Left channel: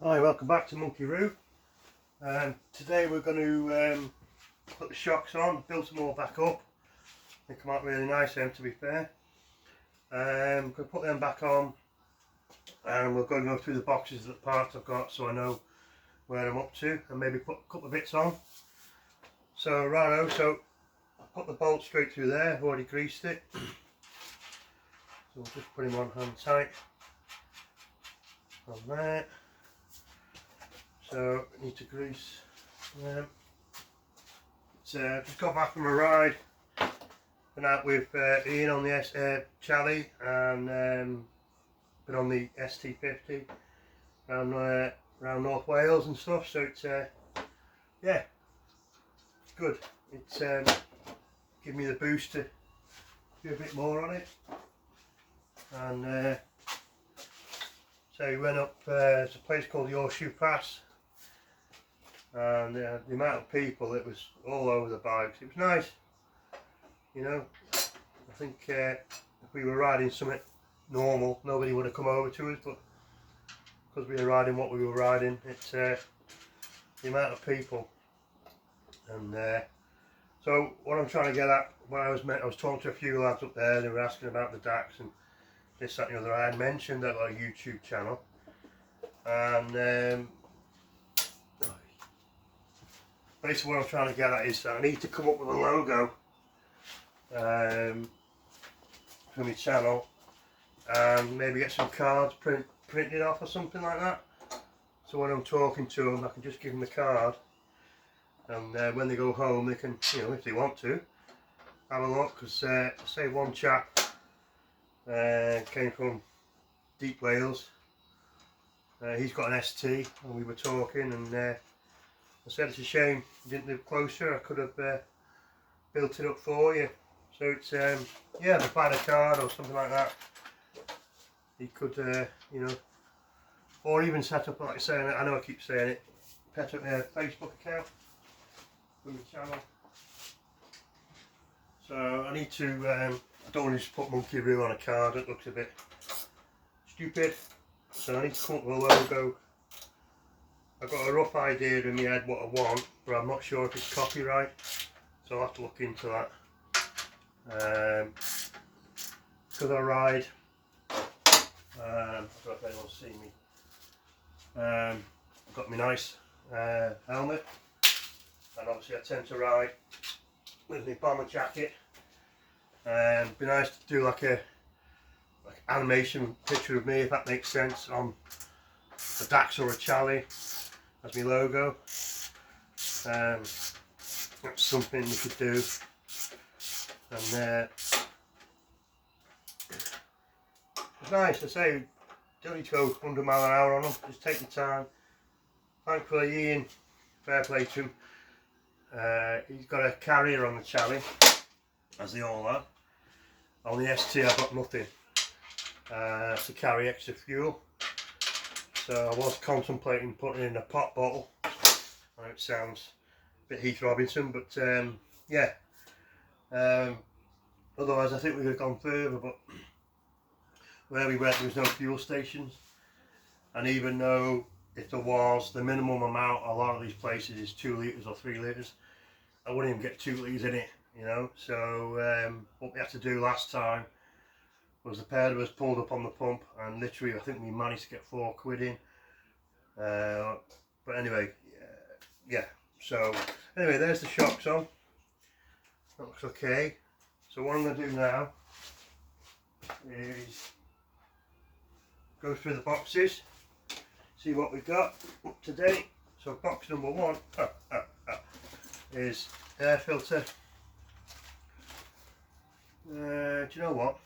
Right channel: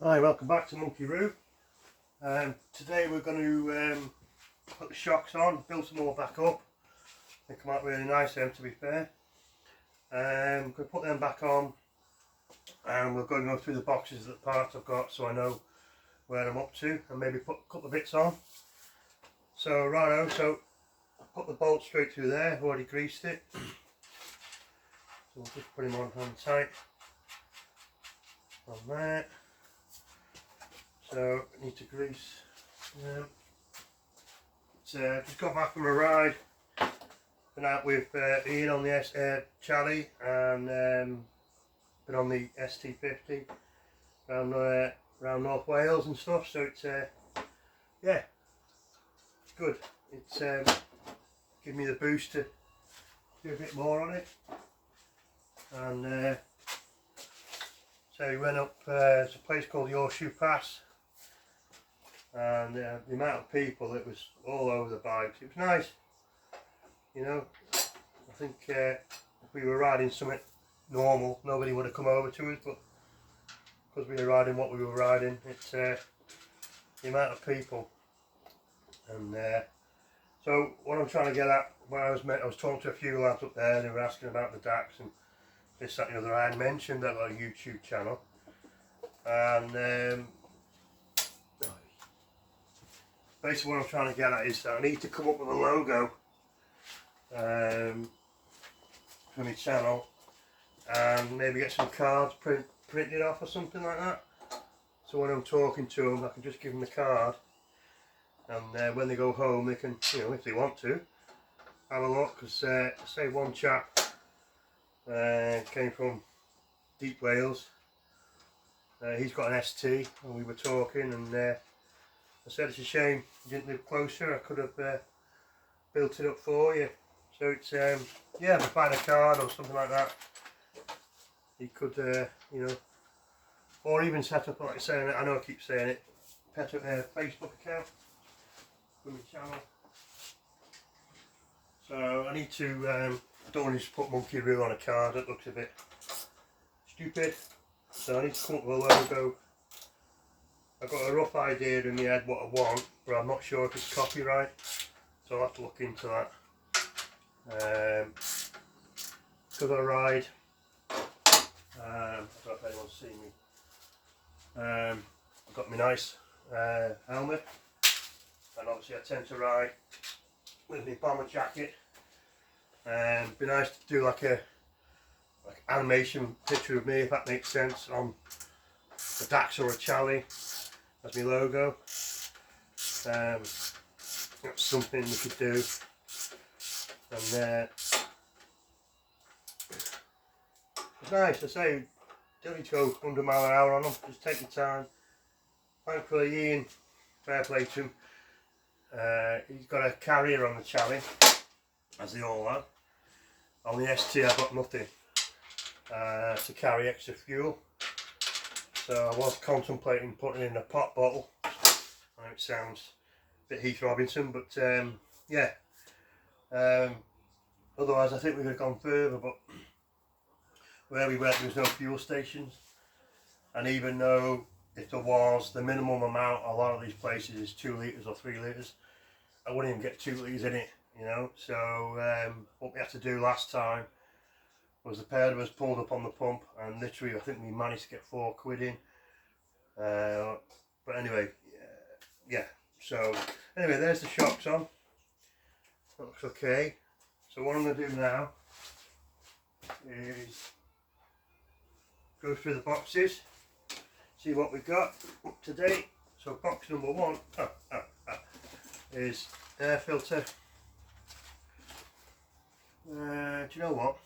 Hi, welcome back to Monkey Roo. Today we're going to put the shocks on, build some more back up. They come out really nice them, to be fair. I'm going to put them back on and we're going to go through the boxes of the parts I've got so I know where I'm up to and maybe put a couple of bits on. So righto, so I put the bolt straight through there, I've already greased it. So we'll just put him on hand tight on there. So I need to grease them. Just got back from a ride. Been out with Ian on the Charlie and been on the ST50 around North Wales and stuff. So it's yeah, it's good. It's given me the boost to do a bit more on it. And so we went up. It's a place called the Horseshoe Pass. And the amount of people, it was all over the bikes. It was nice, you know. I think if we were riding something normal, nobody would have come over to us, but because we were riding what we were riding, it's the amount of people. And so what I'm trying to get at, when I was talking to a few lads up there, they were asking about the DAX and this, that and the other. I had mentioned that on a YouTube channel, and basically what I'm trying to get at is that I need to come up with a logo for my channel and maybe get some cards printed off or something like that. So when I'm talking to them, I can just give them the card, and when they go home, they can, you know, if they want to, have a look. Because say one chap came from deep Wales. He's got an ST, and we were talking, and I said it's a shame you didn't live closer. I could have built it up for you. So it's yeah, if I find a card or something like that, he could you know, or even set up, like I say, I know I keep saying it, set up a Facebook account for the channel. So I need to I don't want to just put Monkey Roo on a card. It looks a bit stupid. So I need to come up with a logo. I've got a rough idea in my head what I want, but I'm not sure if it's copyright, so I'll have to look into that. Because I ride, I don't know if anyone's seen me, I've got my nice helmet, and obviously I tend to ride with my bomber jacket. It'd be nice to do like animation picture of me, if that makes sense, on the DAX or a Charlie as my logo. That's something we could do. And it's nice, I say, don't need to go 100 miles an hour on them, just take your time. Thankfully Ian, fair play to him, he's got a carrier on the Charlie, as they all have. On the ST I've got nothing to carry extra fuel. So I was contemplating putting in a pop bottle. I know it sounds a bit Heath Robinson, but yeah. Otherwise I think we could have gone further, but where we went there was no fuel stations, and even though if there was, the minimum amount a lot of these places is 2 litres or 3 litres, I wouldn't even get 2 litres in it, you know. So what we had to do last time was the pair of us pulled up on the pump, and literally I think we managed to get £4 in. But anyway, yeah. So anyway, there's the shocks on. That looks okay. So what I'm going to do now is go through the boxes, see what we've got up to date. So box number one is air filter. Do you know what?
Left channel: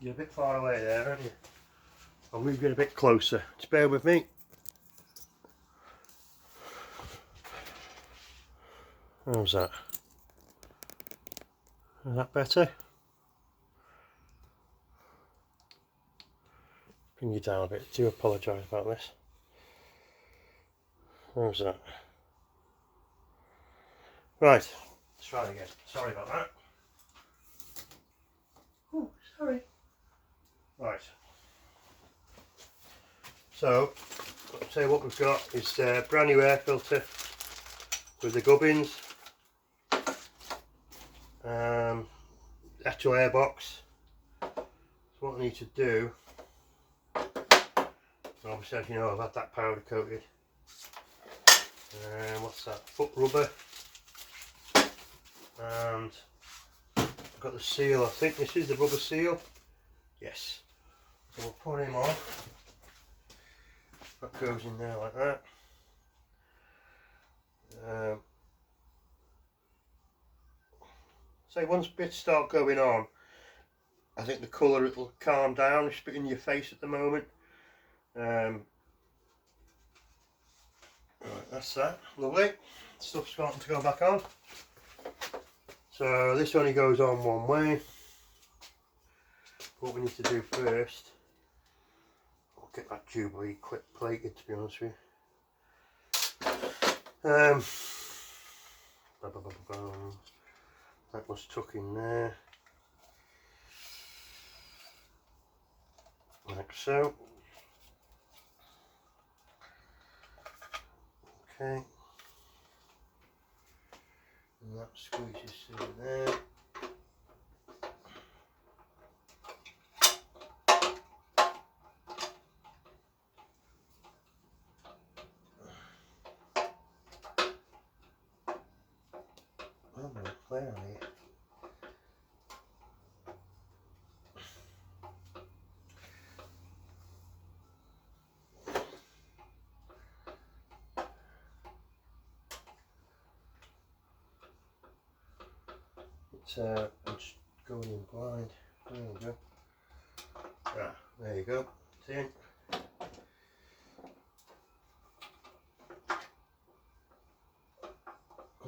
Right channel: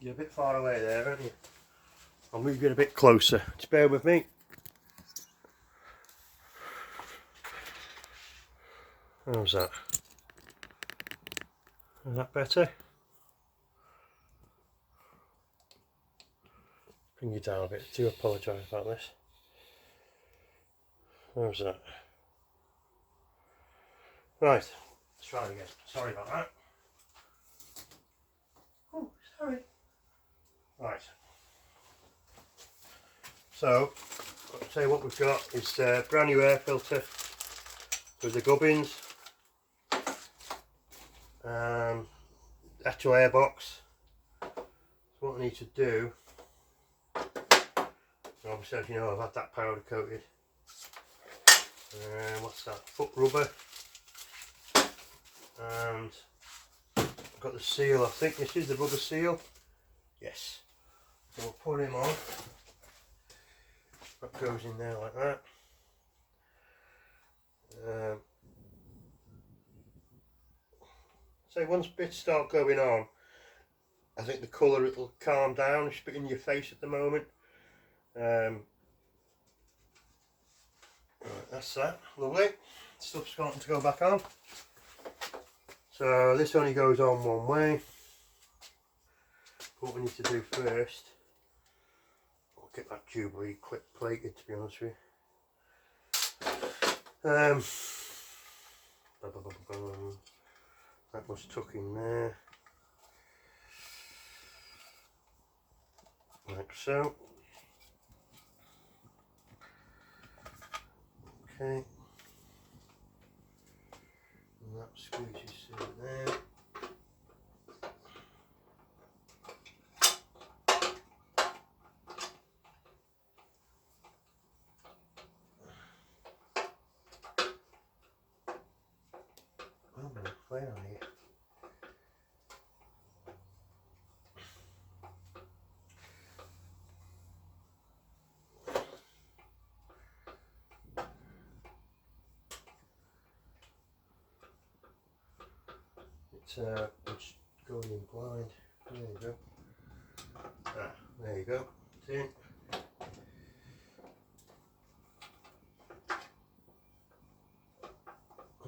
You're a bit far away there, aren't you? I'll move you a bit closer. Just bear with me. How's that? Is that better? Bring you down a bit. I do apologise about this. How's that? Right, let's try again. Sorry about that. Oh, sorry. Right. So, say what we've got is a brand new air filter with the gubbins, actual air box. So what I need to do, obviously as you know I've had that powder coated. What's that? Foot rubber, and I've got the seal. I think this is the rubber seal. Yes. So we'll put him on. That goes in there like that. So once bits start going on, I think the colour it'll calm down. It's a bit in your face at the moment. Right, that's that. Lovely. Stuff's starting to go back on. So this only goes on one way. What we need to do first, I'll get that Jubilee clip plated, to be honest with you. That was tuck in there, like so. Okay, and that squeezes through there. Where are you? It's going in blind. There you go. Ah, there you go. It's in.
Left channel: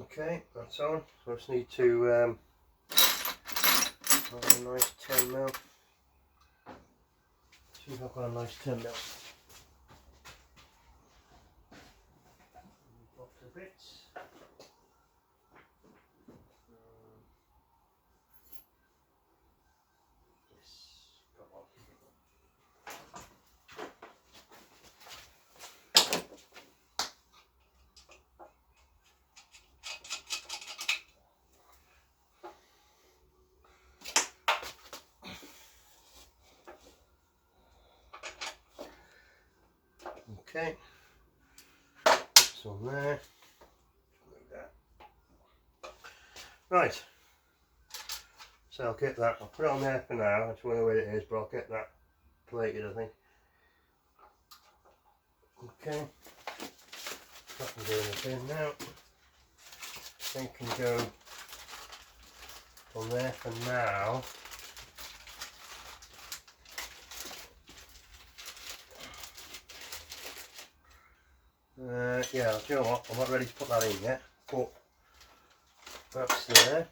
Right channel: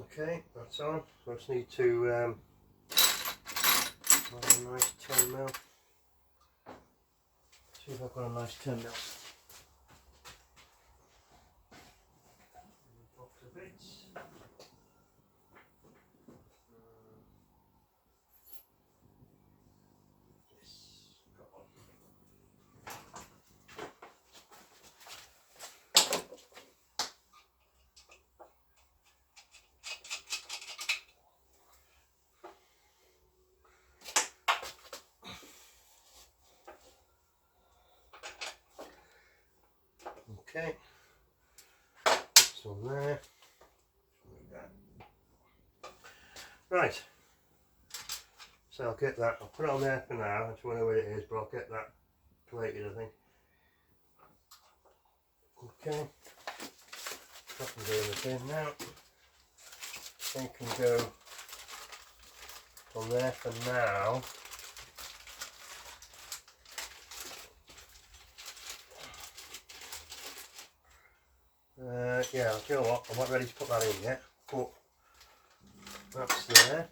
Okay, that's on. So I just need to have a nice 10mm. See if I've got a nice 10mm. Box of bits. Okay, it's on there. Like that. Right, so I'll get that. I'll put it on there for now. I just wonder where it is, but I'll get that plated, I think. Okay, that can go in the bin now. Thing can go on there for now. Yeah, do you know what? I'm not ready to put that in yet, but that's there.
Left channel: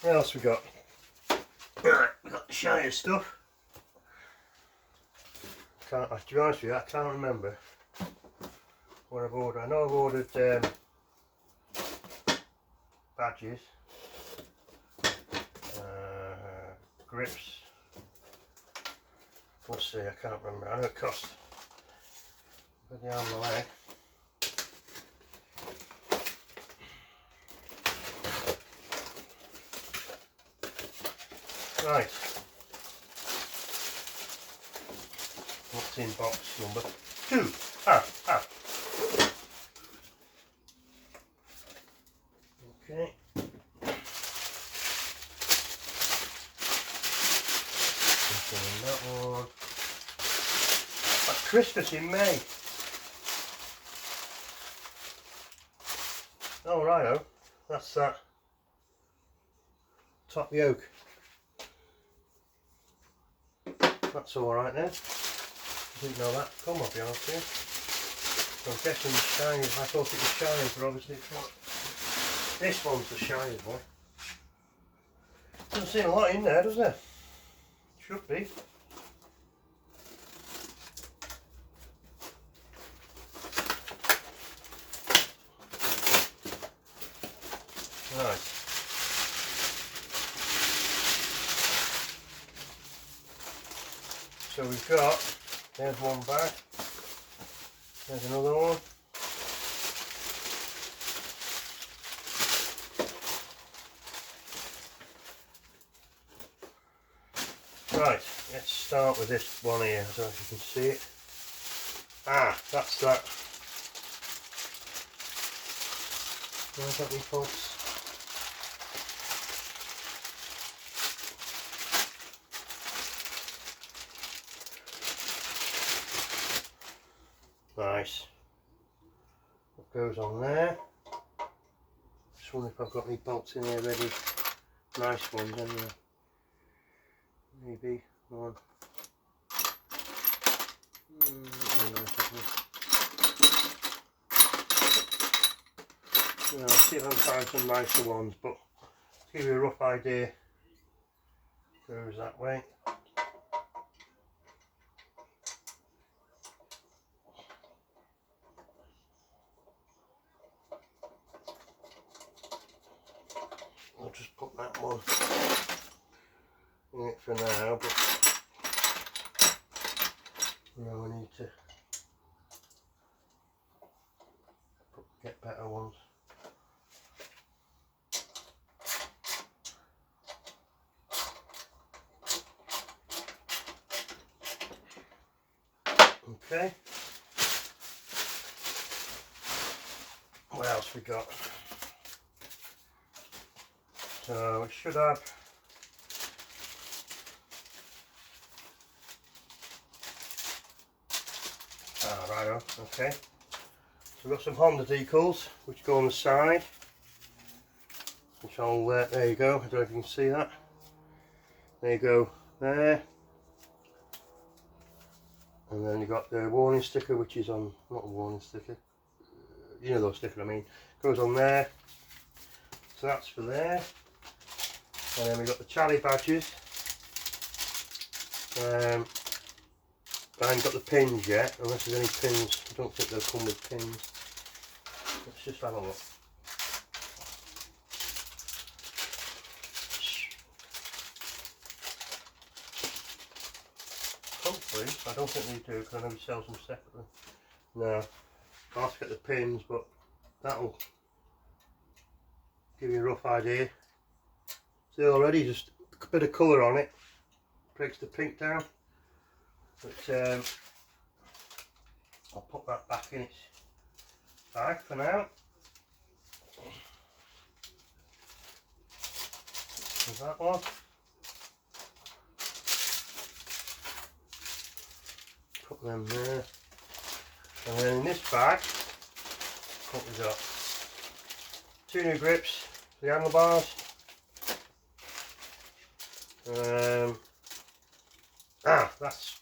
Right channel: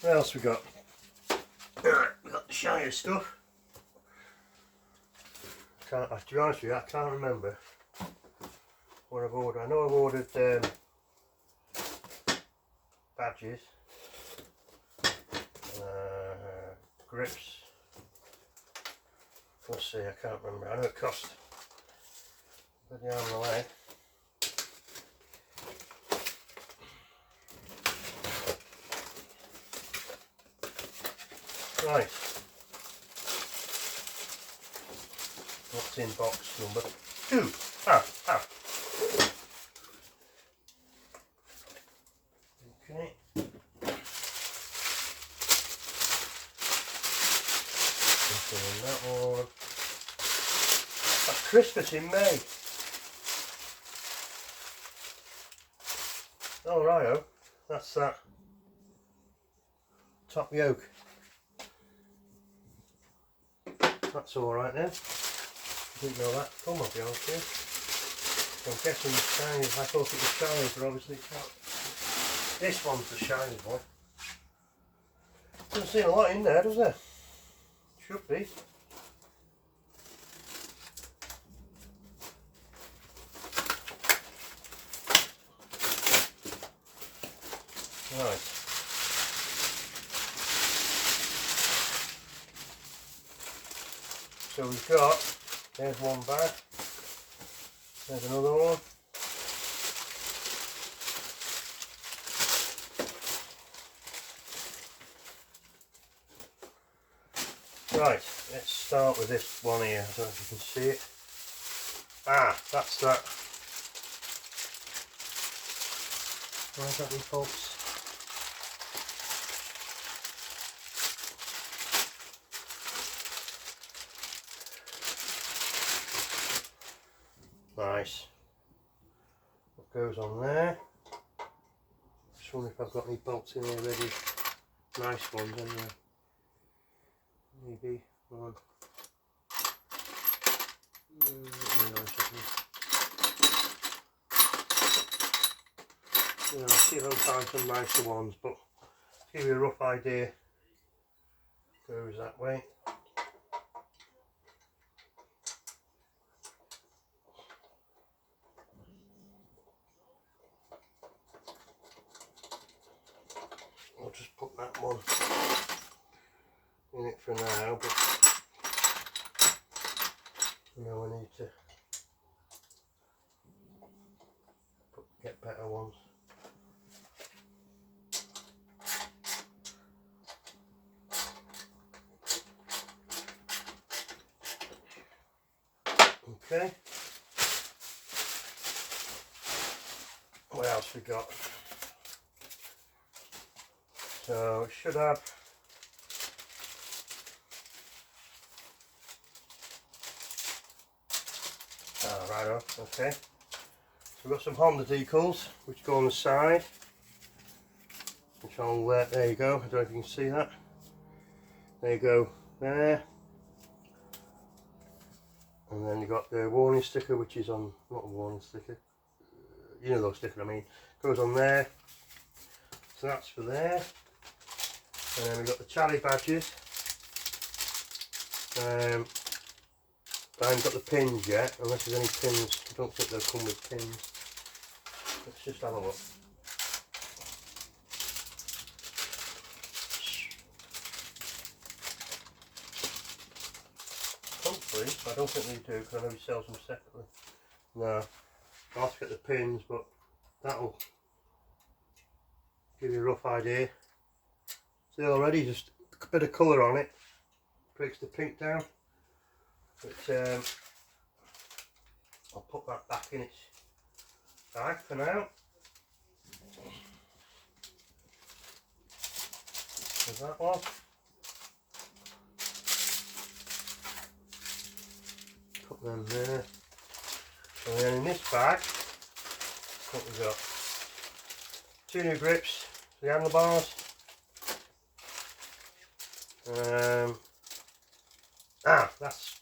What else we got? Right, we got the shiny stuff. To be honest with you, I can't remember what I've ordered. I know I've ordered badges, grips. Let's see, I can't remember. I know it cost. Put the arm on the leg. Right. What's in box number 2? Okay. Something in that one. That's Christmas in May. Oh, righto, that's that top yoke. That's alright then. Didn't know that. Come on, be honest with you. So I'm guessing the shiny, I thought it was shiny, but obviously it's not. This one's the shiny boy. Doesn't seem a lot in there, does there? Should be. Right. So we've got, there's one bag. There's another one. Right, let's start with this one here. I don't know if you can see it. Ah, that's that. Where's that, folks? Nice. What goes on there? Just wonder if I've got any bolts in here ready. Nice ones, anyway. Maybe one. I'll see if I can find some nicer ones, but to give you a rough idea, goes that way. I'll just put that one in it for now, but no, we need to get better ones. Okay. What else we got? So we should have right, okay. So we've got some Honda decals which go on the side. Which I'll there you go. I don't know if you can see that. There you go there. And then you got the warning sticker, which is on, not a warning sticker, you know those stickers I mean, goes on there. So that's for there. And then we got the Charlie badges. I haven't got the pins yet, unless there's any pins. I don't think they'll come with pins. Let's just have a look. Hopefully, I don't think they do, because I know he sells them separately. No, I'll have to get the pins, but that'll give you a rough idea. See, already just a bit of colour on it breaks the pink down. But I'll put that back in its bag for now. There's that one. Put them there. And then in this bag, what we got? 2 new grips for the handlebars.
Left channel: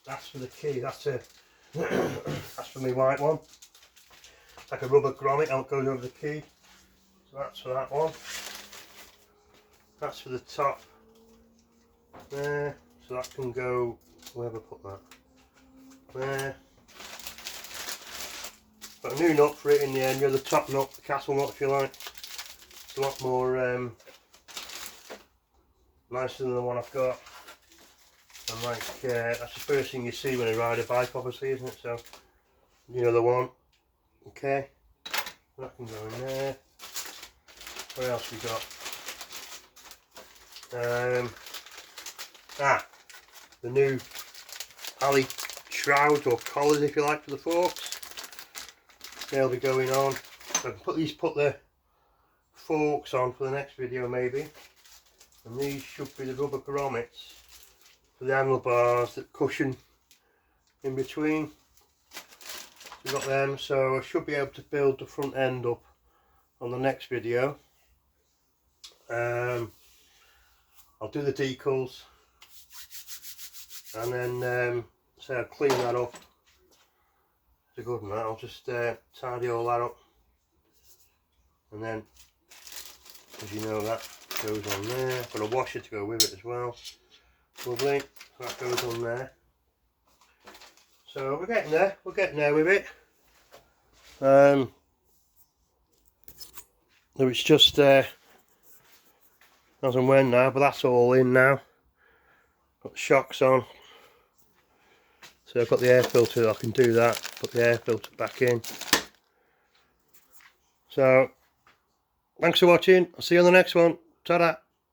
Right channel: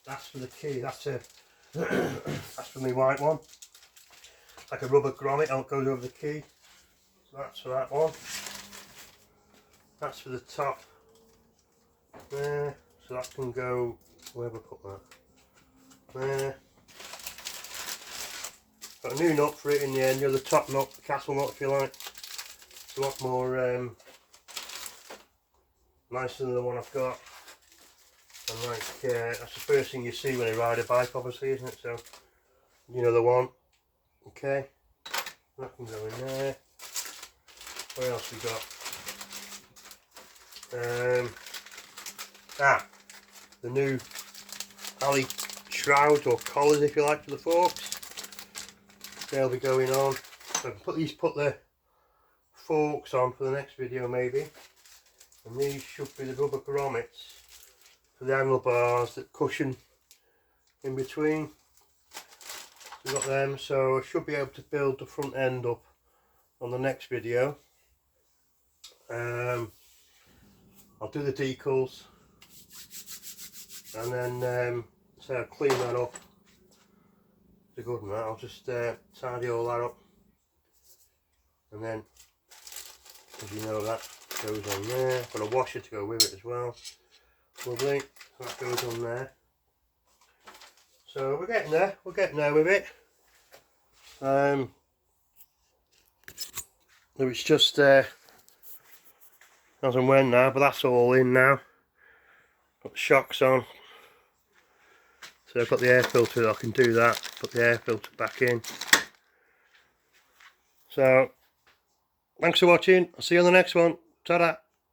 That's for the key. That's a that's for my white one. It's like a rubber grommet that goes over the key. So that's for that one. That's for the top there. So that can go wherever I put that. There. Got a new nut for it in the end. You know, the top nut, the castle nut, if you like. It's a lot more nicer than the one I've got. And like, that's the first thing you see when you ride a bike, obviously, isn't it? So, you know the one. Okay, that can go in there. What else we got? The new alley shrouds or collars, if you like, for the forks. They'll be going on. So I can put the forks on for the next video maybe. And these should be the rubber grommets for the handlebars that cushion in between. We've got them, so I should be able to build the front end up on the next video. I'll do the decals and then so I'll clean that up. It's a good one. I'll just tidy all that up, and then, as you know, that goes on there. Got a washer to go with it as well. Lovely. So that goes on there. So we're getting there. We're getting there with it. It's just as and when now, but that's all in now. Got the shocks on. So I've got the air filter, I can do that, put the air filter back in. So thanks for watching, I'll see you on the next one. Ta-da!